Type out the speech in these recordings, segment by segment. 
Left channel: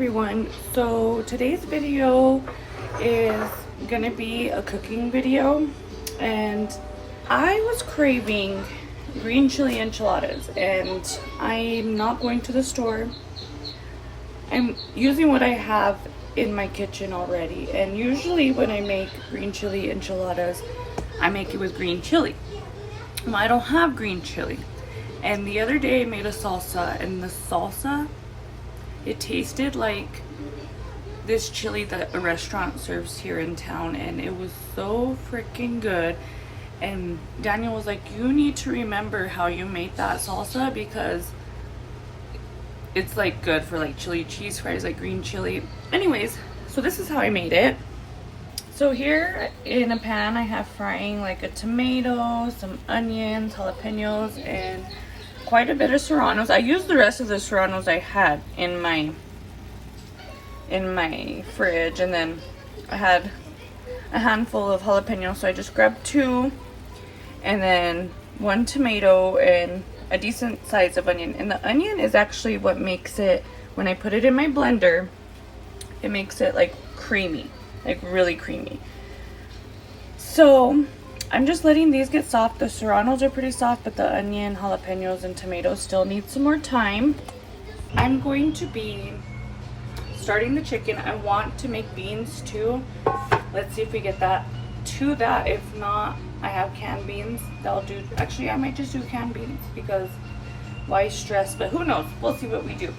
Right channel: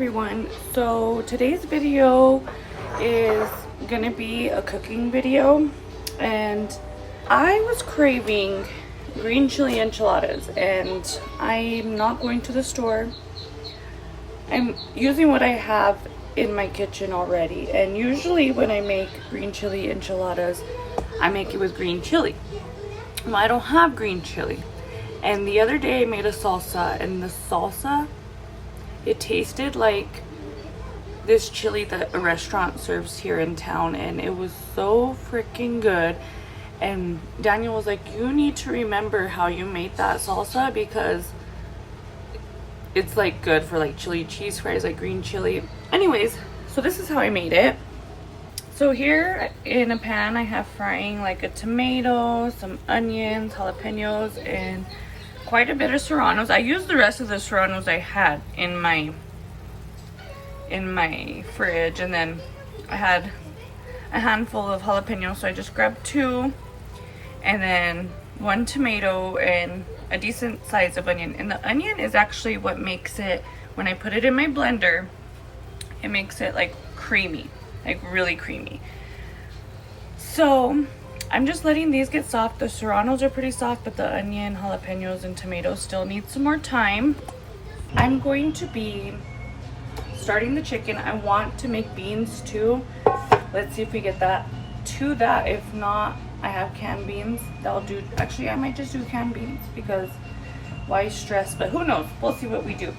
everyone. So today's video is gonna be a cooking video, and I was craving green chili enchiladas, and I'm not going to the store. I'm using what I have in my kitchen already, and usually when I make green chili enchiladas, I make it with green chili. Well, I don't have green chili, and the other day I made a salsa, and the salsa, it tasted like this chili that a restaurant serves here in town, and it was so freaking good. And Daniel was like, you need to remember how you made that salsa, because it's like good for like chili cheese fries, like green chili. Anyways, so this is how I made it. So here in a pan I have frying like a tomato, some onions, jalapenos, and quite a bit of serranos. I used the rest of the serranos I had in my fridge, and then I had a handful of jalapenos, so I just grabbed 2, and then 1 tomato and a decent size of onion. And the onion is actually what makes it, when I put it in my blender, it makes it like creamy, like really creamy. So I'm just letting these get soft. The serranos are pretty soft, but the onion, jalapenos, and tomatoes still need some more time. I'm going to be starting the chicken. I want to make beans too. Let's see if we get that to that. If not, I have canned beans. That'll do. Actually, I might just do canned beans, because why stress? But who knows? We'll see what we do.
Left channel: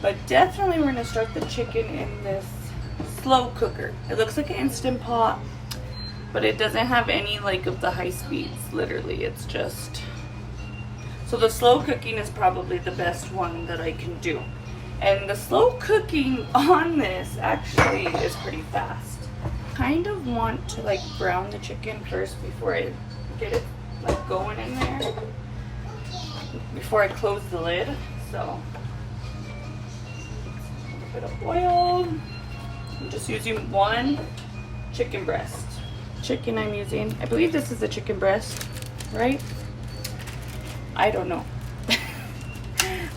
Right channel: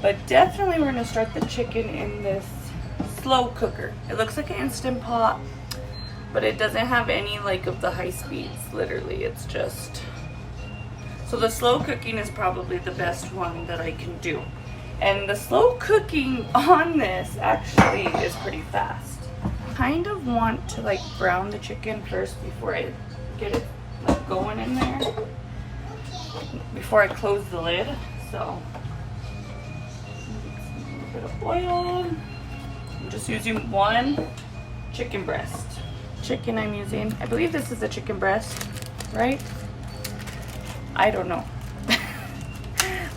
But definitely we're gonna start the chicken in this slow cooker. It looks like an Instant Pot, but it doesn't have any like of the high speeds. Literally, it's just, so the slow cooking is probably the best one that I can do. And the slow cooking on this actually is pretty fast. Kind of want to like brown the chicken first before I get it like going in there, before I close the lid. So a bit of oil. I'm just using 1 chicken breast. Chicken I'm using, I believe this is a chicken breast, right? I don't know.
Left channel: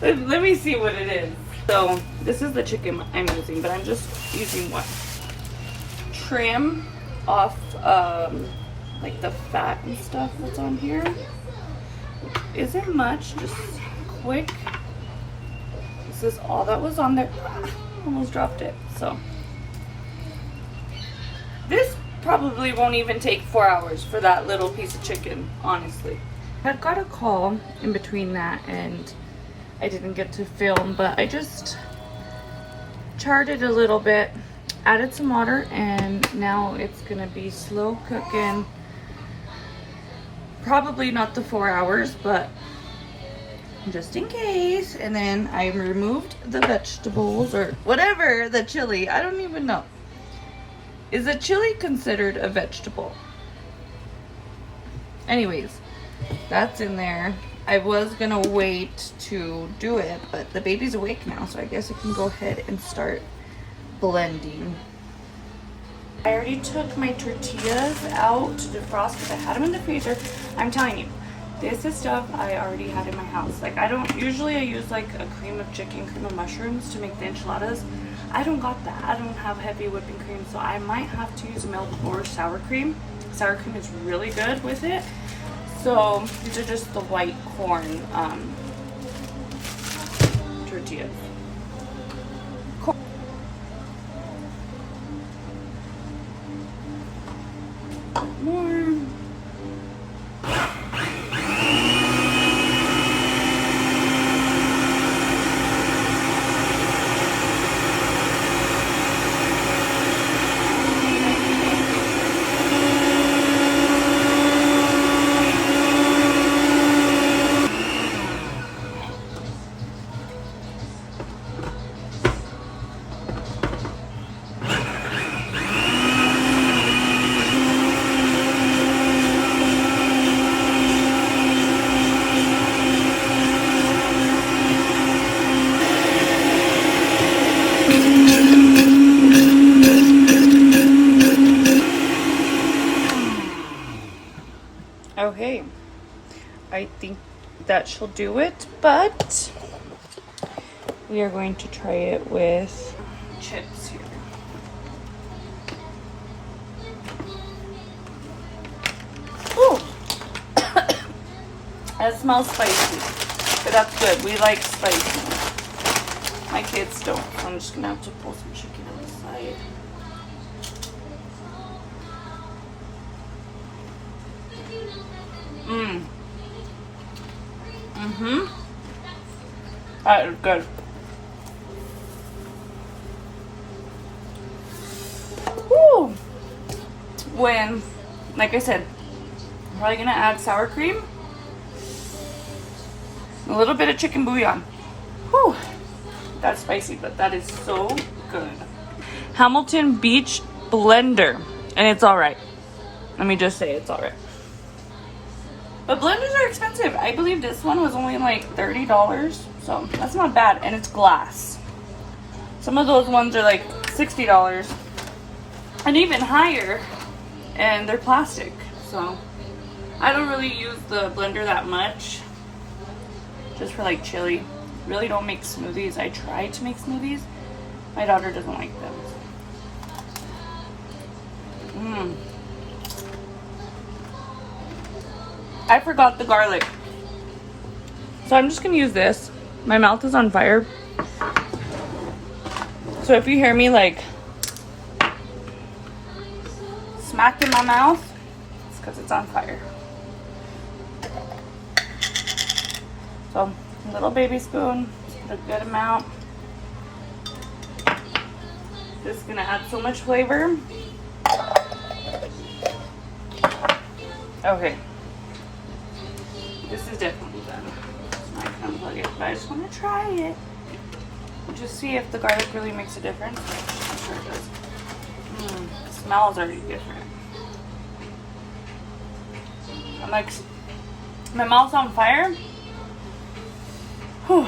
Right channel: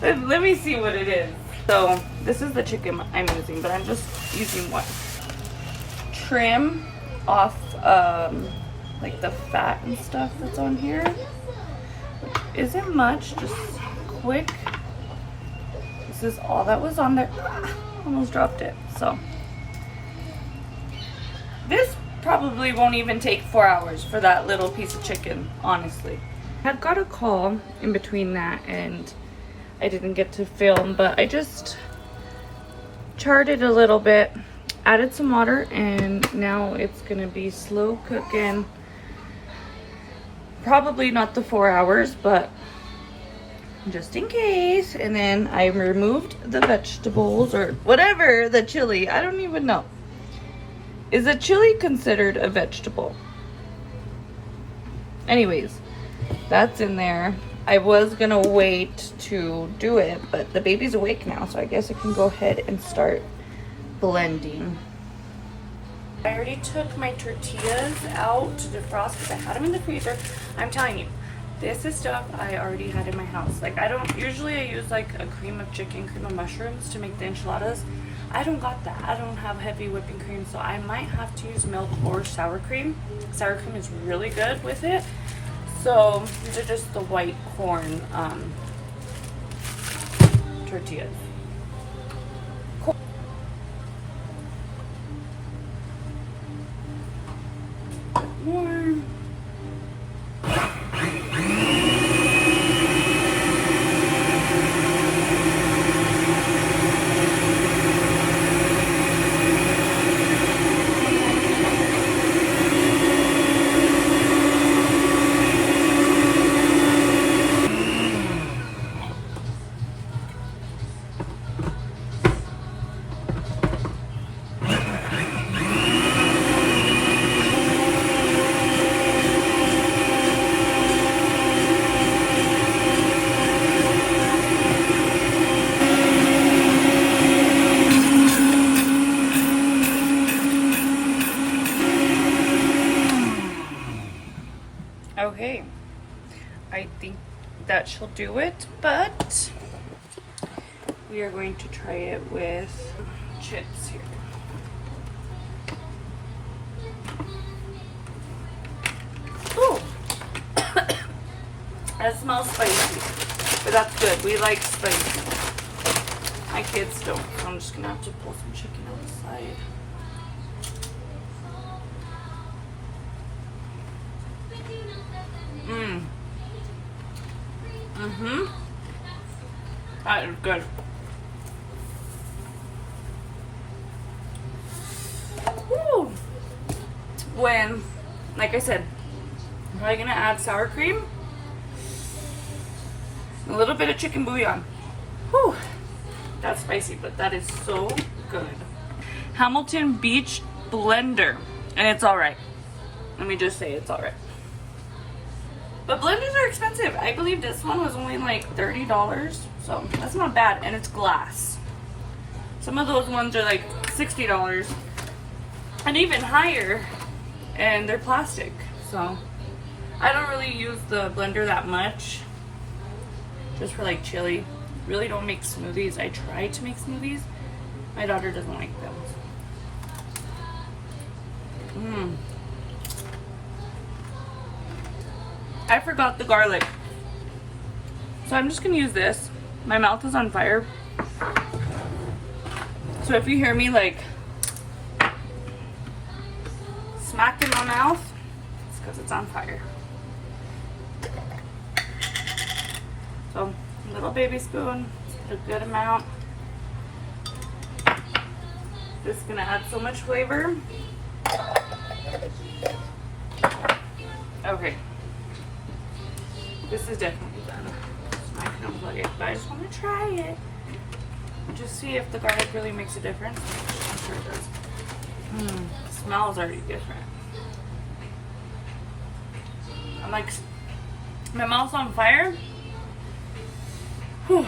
Let me see what it is. So this is the chicken I'm using, but I'm just using 1. Trim off like the fat and stuff that's on here. Isn't much, just quick. This is all that was on there. Almost dropped it. So this probably won't even take 4 hours for that little piece of chicken, honestly. I got a call in between that, and I didn't get to film, but I just charred it a little bit, added some water, and now it's gonna be slow cooking. Probably not the 4 hours, but just in case. And then I removed the vegetables, or whatever, the chili. I don't even know. Is a chili considered a vegetable? Anyways, that's in there. I was gonna wait to do it, but the baby's awake now, so I guess I can go ahead and start blending. I already took my tortillas out to defrost because I had them in the freezer. I'm telling you, this is stuff I already had in my house. Like, I use like a cream of chicken, cream of mushrooms to make the enchiladas. I don't got that. I don't have heavy whipping cream, so I might have to use milk or sour cream. Sour cream is really good with it. So these are just the white corn tortillas. Cool. Okay, I think that shall do it, but we are going to try it with chips here. Ooh. That smells spicy, but that's good. We like spicy. My kids don't. I'm just gonna have to pull some chicken on the side. That is good. Woo! When, like I said, I'm probably gonna add sour cream, a little bit of chicken bouillon. Whew! That's spicy, but that is so good. Hamilton Beach blender, and it's all right. Let me just say it's all right. But blenders are expensive. I believe this one was only like $30, so that's not bad, and it's glass. Some of those ones are like $60 and even higher, and they're plastic. So I don't really use the blender that much, just for like chili. Really don't make smoothies. I try to make smoothies. My daughter doesn't like them. I forgot the garlic, so I'm just gonna use this. My mouth is on fire, so if you hear me like smack in my mouth, it's because it's on fire. So a little baby spoon, a good amount. This is gonna add so much flavor. Okay. This is definitely done. I'm not gonna unplug it, but I just want to try it. Just see if the garlic really makes a difference. I'm sure it does. The smell is already different. I'm like, my mouth's on fire. Whew.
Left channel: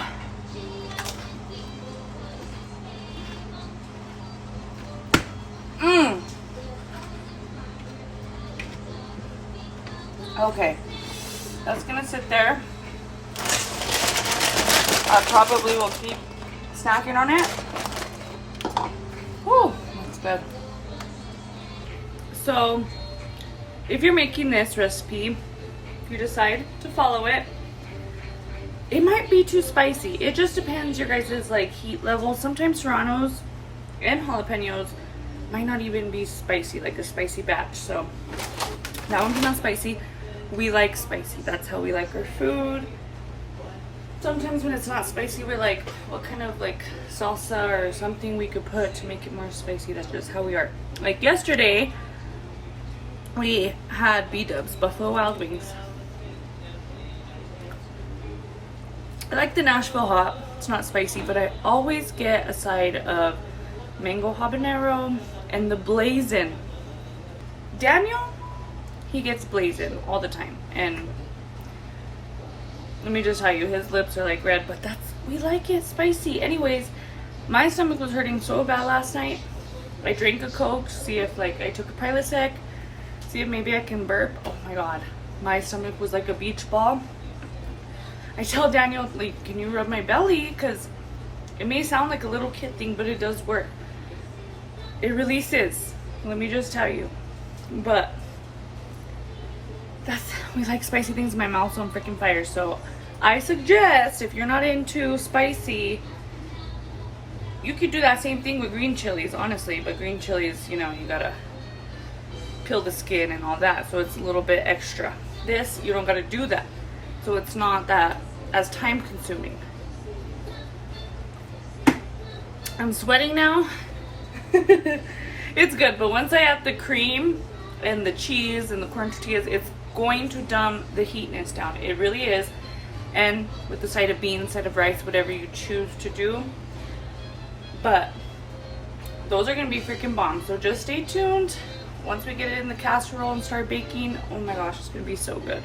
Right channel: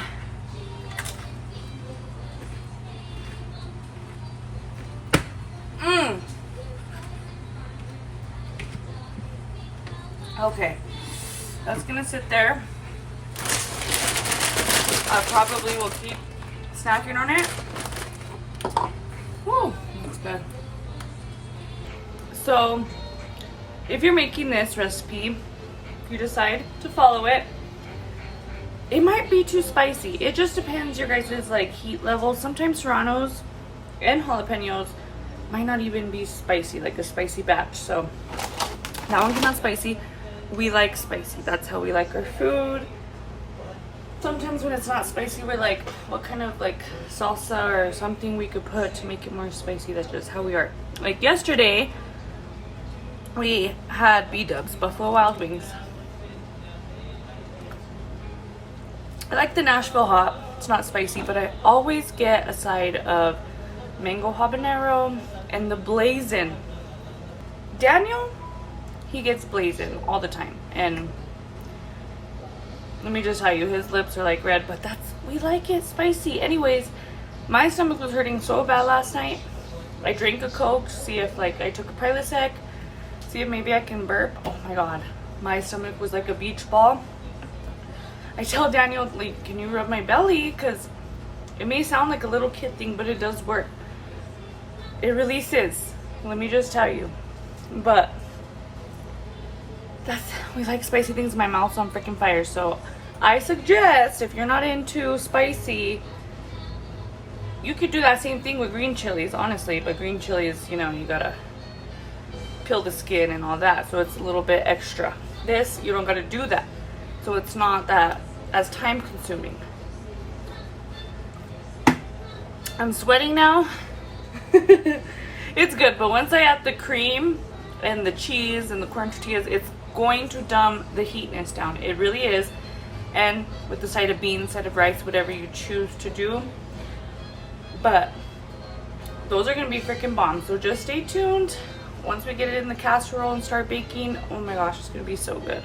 Okay. That's gonna sit there. I probably will keep snacking on it. Woo, that's good. So, if you're making this recipe, if you decide to follow it, it might be too spicy. It just depends your guys' like heat level. Sometimes serranos and jalapenos might not even be spicy, like a spicy batch. So that one came out spicy. We like spicy. That's how we like our food. Sometimes when it's not spicy, we're like, what kind of like salsa or something we could put to make it more spicy. That's just how we are. Like yesterday, we had B-dubs, Buffalo Wild Wings. I like the Nashville hot. It's not spicy, but I always get a side of mango habanero and the blazing. Daniel, he gets blazing all the time, and let me just tell you, his lips are like red, but we like it spicy. Anyways, my stomach was hurting so bad last night. I drank a Coke to see if like I took a Prilosec, see if maybe I can burp. Oh my god, my stomach was like a beach ball. I tell Daniel, like, can you rub my belly? Because it may sound like a little kid thing, but it does work. It releases, let me just tell you. But we like spicy things. My mouth's on freaking fire. So I suggest, if you're not into spicy, you could do that same thing with green chilies, honestly. But green chilies, you know, you gotta peel the skin and all that, so it's a little bit extra. This, you don't gotta do that, so it's not that as time consuming. I'm sweating now. It's good, but once I add the cream and the cheese and the corn tortillas, it's going to dumb the heatness down. It really is. And with the side of beans, side of rice, whatever you choose to do. But those are gonna be freaking bomb. So just stay tuned. Once we get it in the casserole and start baking, oh my gosh, it's gonna be so good.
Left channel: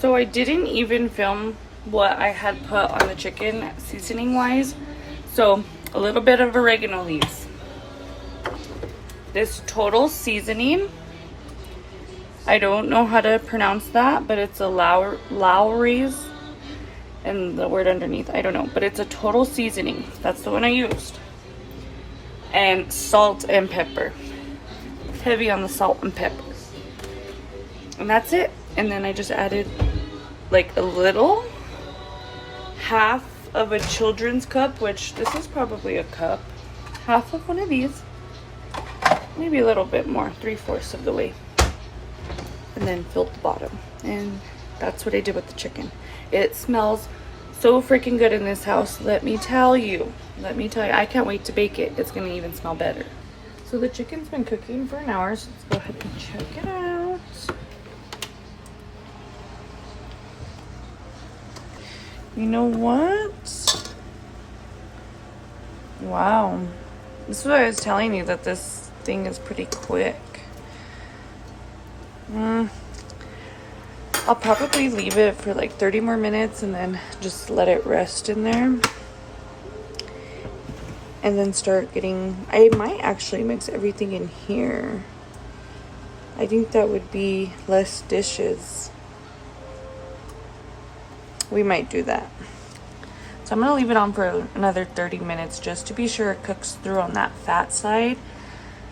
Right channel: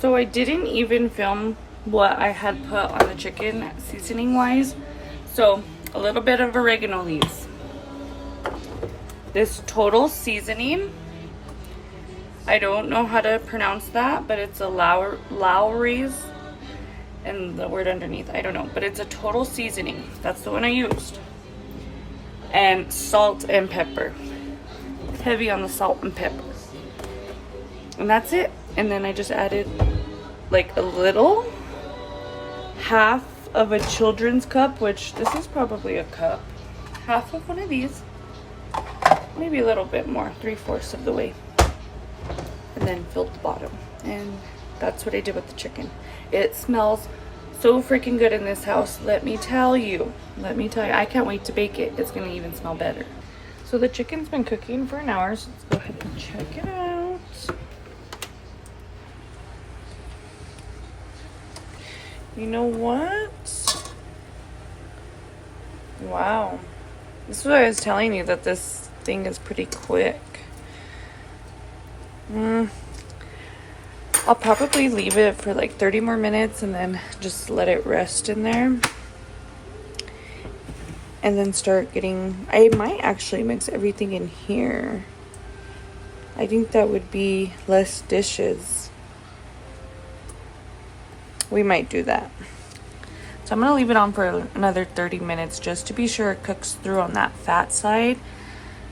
So I didn't even film what I had put on the chicken seasoning wise. So a little bit of oregano leaves. This total seasoning, I don't know how to pronounce that, but it's a Lowry's, and the word underneath, I don't know, but it's a total seasoning. That's the one I used. and salt and pepper. Heavy on the salt and pepper. And that's it. And then I just added like a little, half of a children's cup, which this is probably a cup. Half of one of these. Maybe a little bit more, 3/4 of the way. And then filled the bottom. And that's what I did with the chicken. It smells so freaking good in this house. Let me tell you. I can't wait to bake it. It's gonna even smell better. So the chicken's been cooking for an hour, so let's go ahead and check it out. You know what? Wow. This is what I was telling you, that this thing is pretty quick. I'll probably leave it for like 30 more minutes and then just let it rest in there. And then start getting, I might actually mix everything in here. I think that would be less dishes. We might do that. So I'm gonna leave it on for another 30 minutes just to be sure it cooks through on that fat side,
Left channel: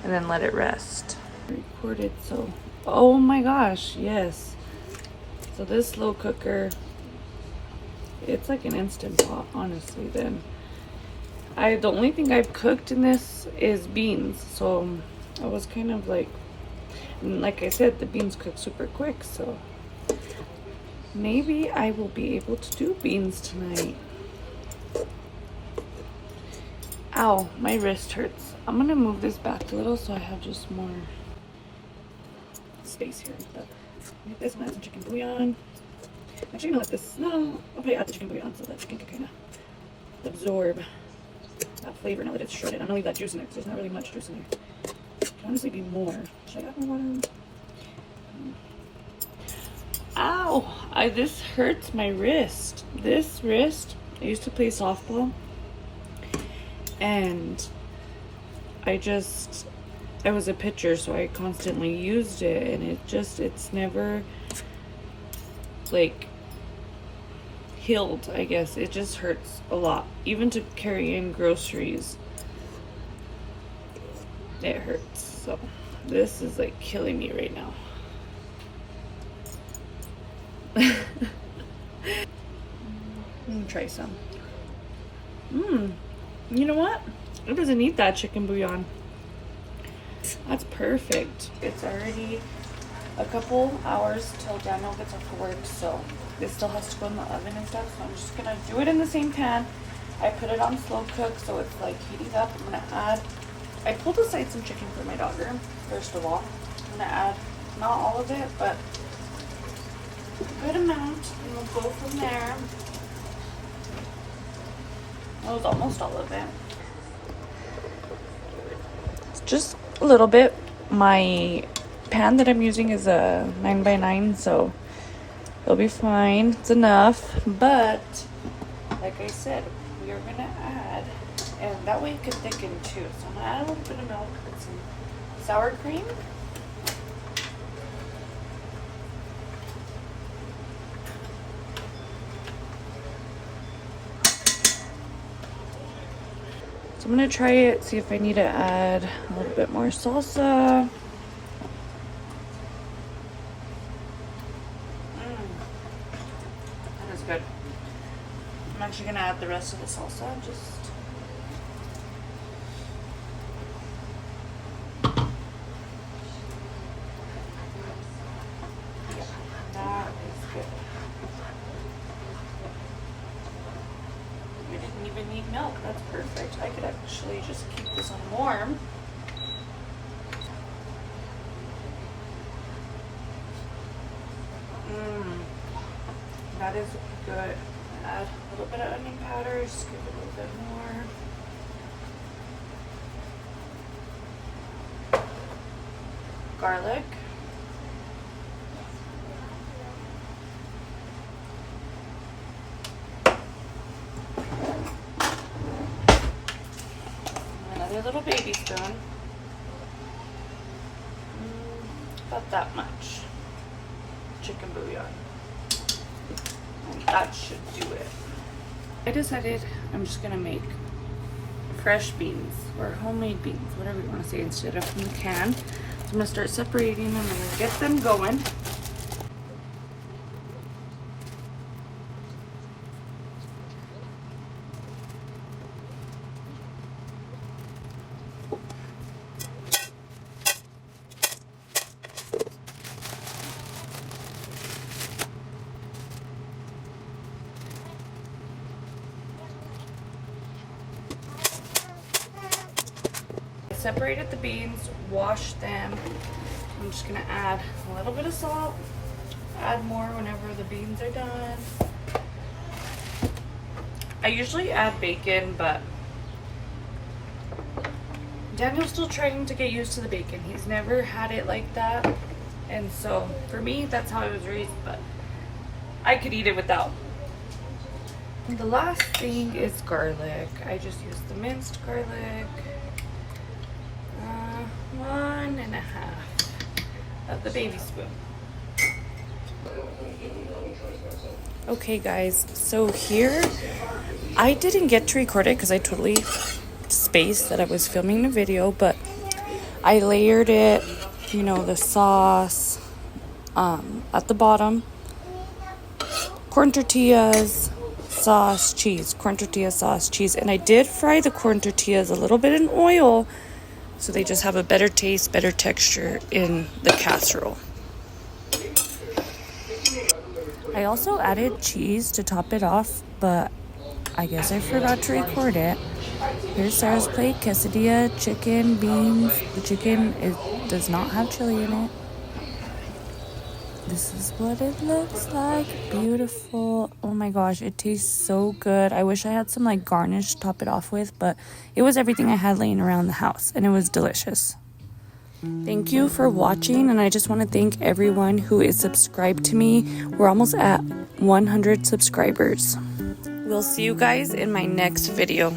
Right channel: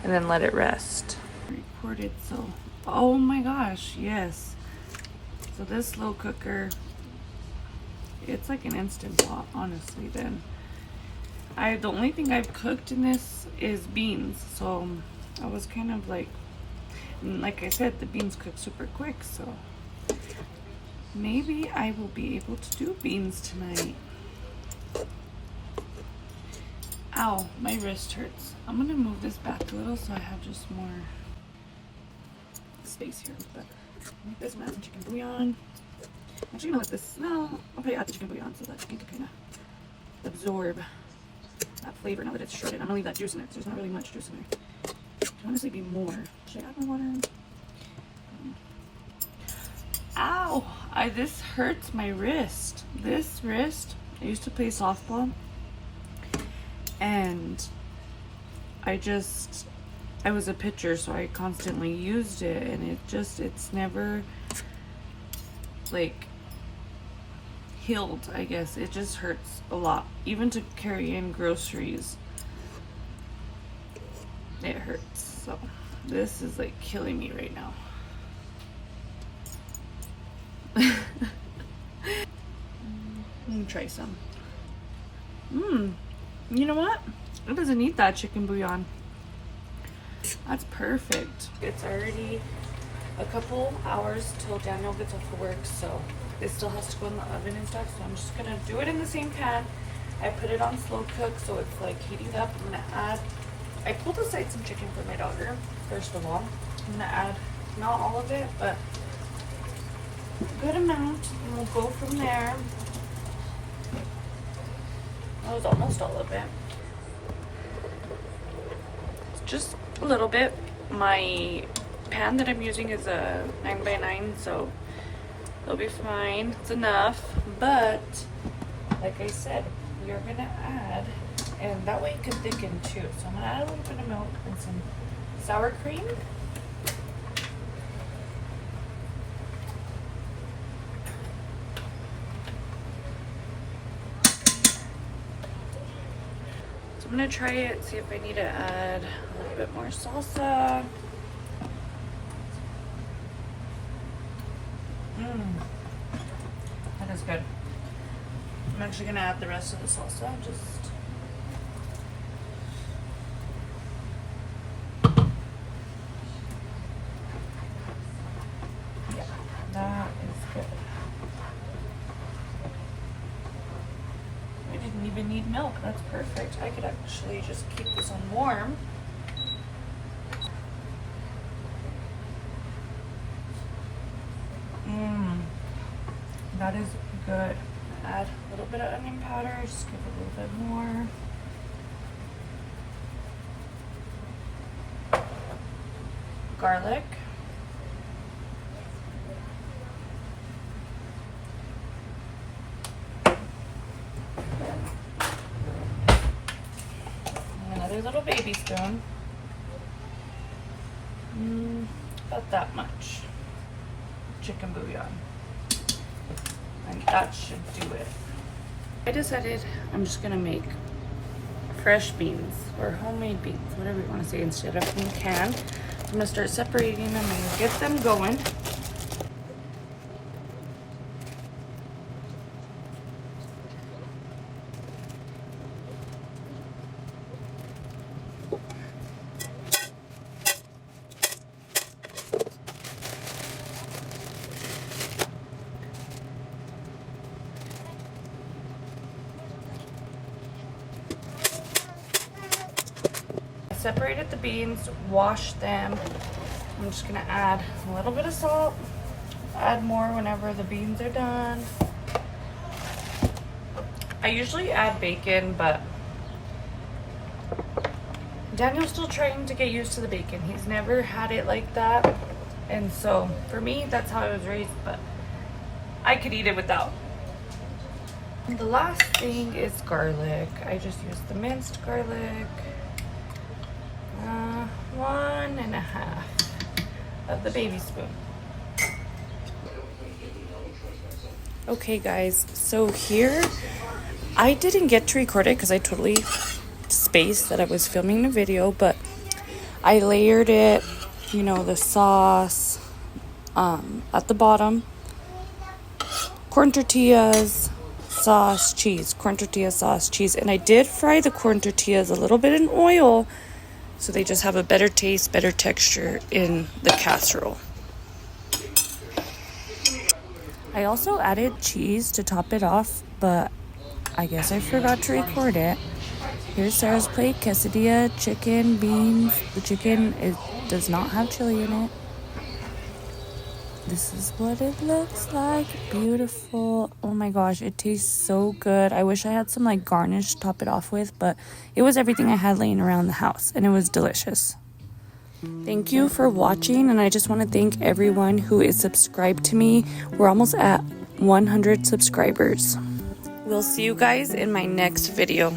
and then let it rest. Recorded, so, oh my gosh, yes. So this slow cooker, it's like an Instant Pot, honestly. Then the only thing I've cooked in this is beans, so I was kind of like I said, the beans cook super quick, so maybe I will be able to do beans tonight. Ow, my wrist hurts. I'm gonna move this back a little so I have just more space here. But make this and add some chicken bouillon. Actually, I'm gonna let this, no, I'll put it at the chicken bouillon so that chicken can kind of absorb that flavor now that it's shredded. I'm gonna leave that juice in there because there's not really much juice in there. Should honestly be more. Should I add more water? Ow! This hurts my wrist. This wrist, I used to play softball, and I was a pitcher, so I constantly used it, and it's never like healed, I guess. It just hurts a lot, even to carry in groceries. It hurts. So this is like killing me right now. Let me try some. You know what? It doesn't need that chicken bouillon. That's perfect. It's already a couple hours till Daniel gets off of work, so it still has to go in the oven and stuff. So I'm just gonna do it in the same pan. I put it on slow cook, so it's like heating up. I'm gonna add, I pulled aside some chicken for my daughter, first of all. I'm gonna add, not all of it, but a good amount, and we'll go from there. That was almost all of it. It's just a little bit. My pan that I'm using is a 9x9, so it'll be fine. It's enough. But like I said, we are gonna add, and that way it can thicken too. So I'm gonna add a little bit of milk and some sour cream. I'm gonna try it, see if I need to add a little bit more salsa. That is good. I'm actually gonna add the rest of the salsa. Just yeah, that is good. We didn't even need milk. That's perfect. I could actually just keep this on warm. That is good. Add a little bit of onion powder. Just give it a little bit more. Garlic. Another little baby spoon. About that much chicken bouillon. And that should do it. I decided I'm just gonna make fresh beans or homemade beans, whatever you want to say, instead of from canned. So I'm gonna start separating them and get them going. Separated the beans, washed them. I'm just gonna add a little bit of salt, add more whenever the beans are done. I usually add bacon, but Daniel's still trying to get used to the bacon. He's never had it like that, and so for me, that's how I was raised, but I could eat it without. The last thing is garlic. I just use the minced garlic. 1.5 of the baby spoon. Okay guys, so here I didn't get to record it because I totally spaced that I was filming the video, but I layered it, you know, the sauce at the bottom, corn tortillas, sauce, cheese, corn tortilla, sauce, cheese, and I did fry the corn tortillas a little bit in oil so they just have a better taste, better texture in the casserole. I also added cheese to top it off, but I guess I forgot to record it. Here's Sarah's plate: quesadilla, chicken, beans. The chicken does not have chili in it. This is what it looks like. Beautiful. Oh my gosh, it tastes so good. I wish I had some like garnish to top it off with, but it was everything I had laying around the house, and it was delicious. Thank you for watching, and I just want to thank everyone who is subscribed to me. We're almost at 100 subscribers. We'll see you guys in my next video.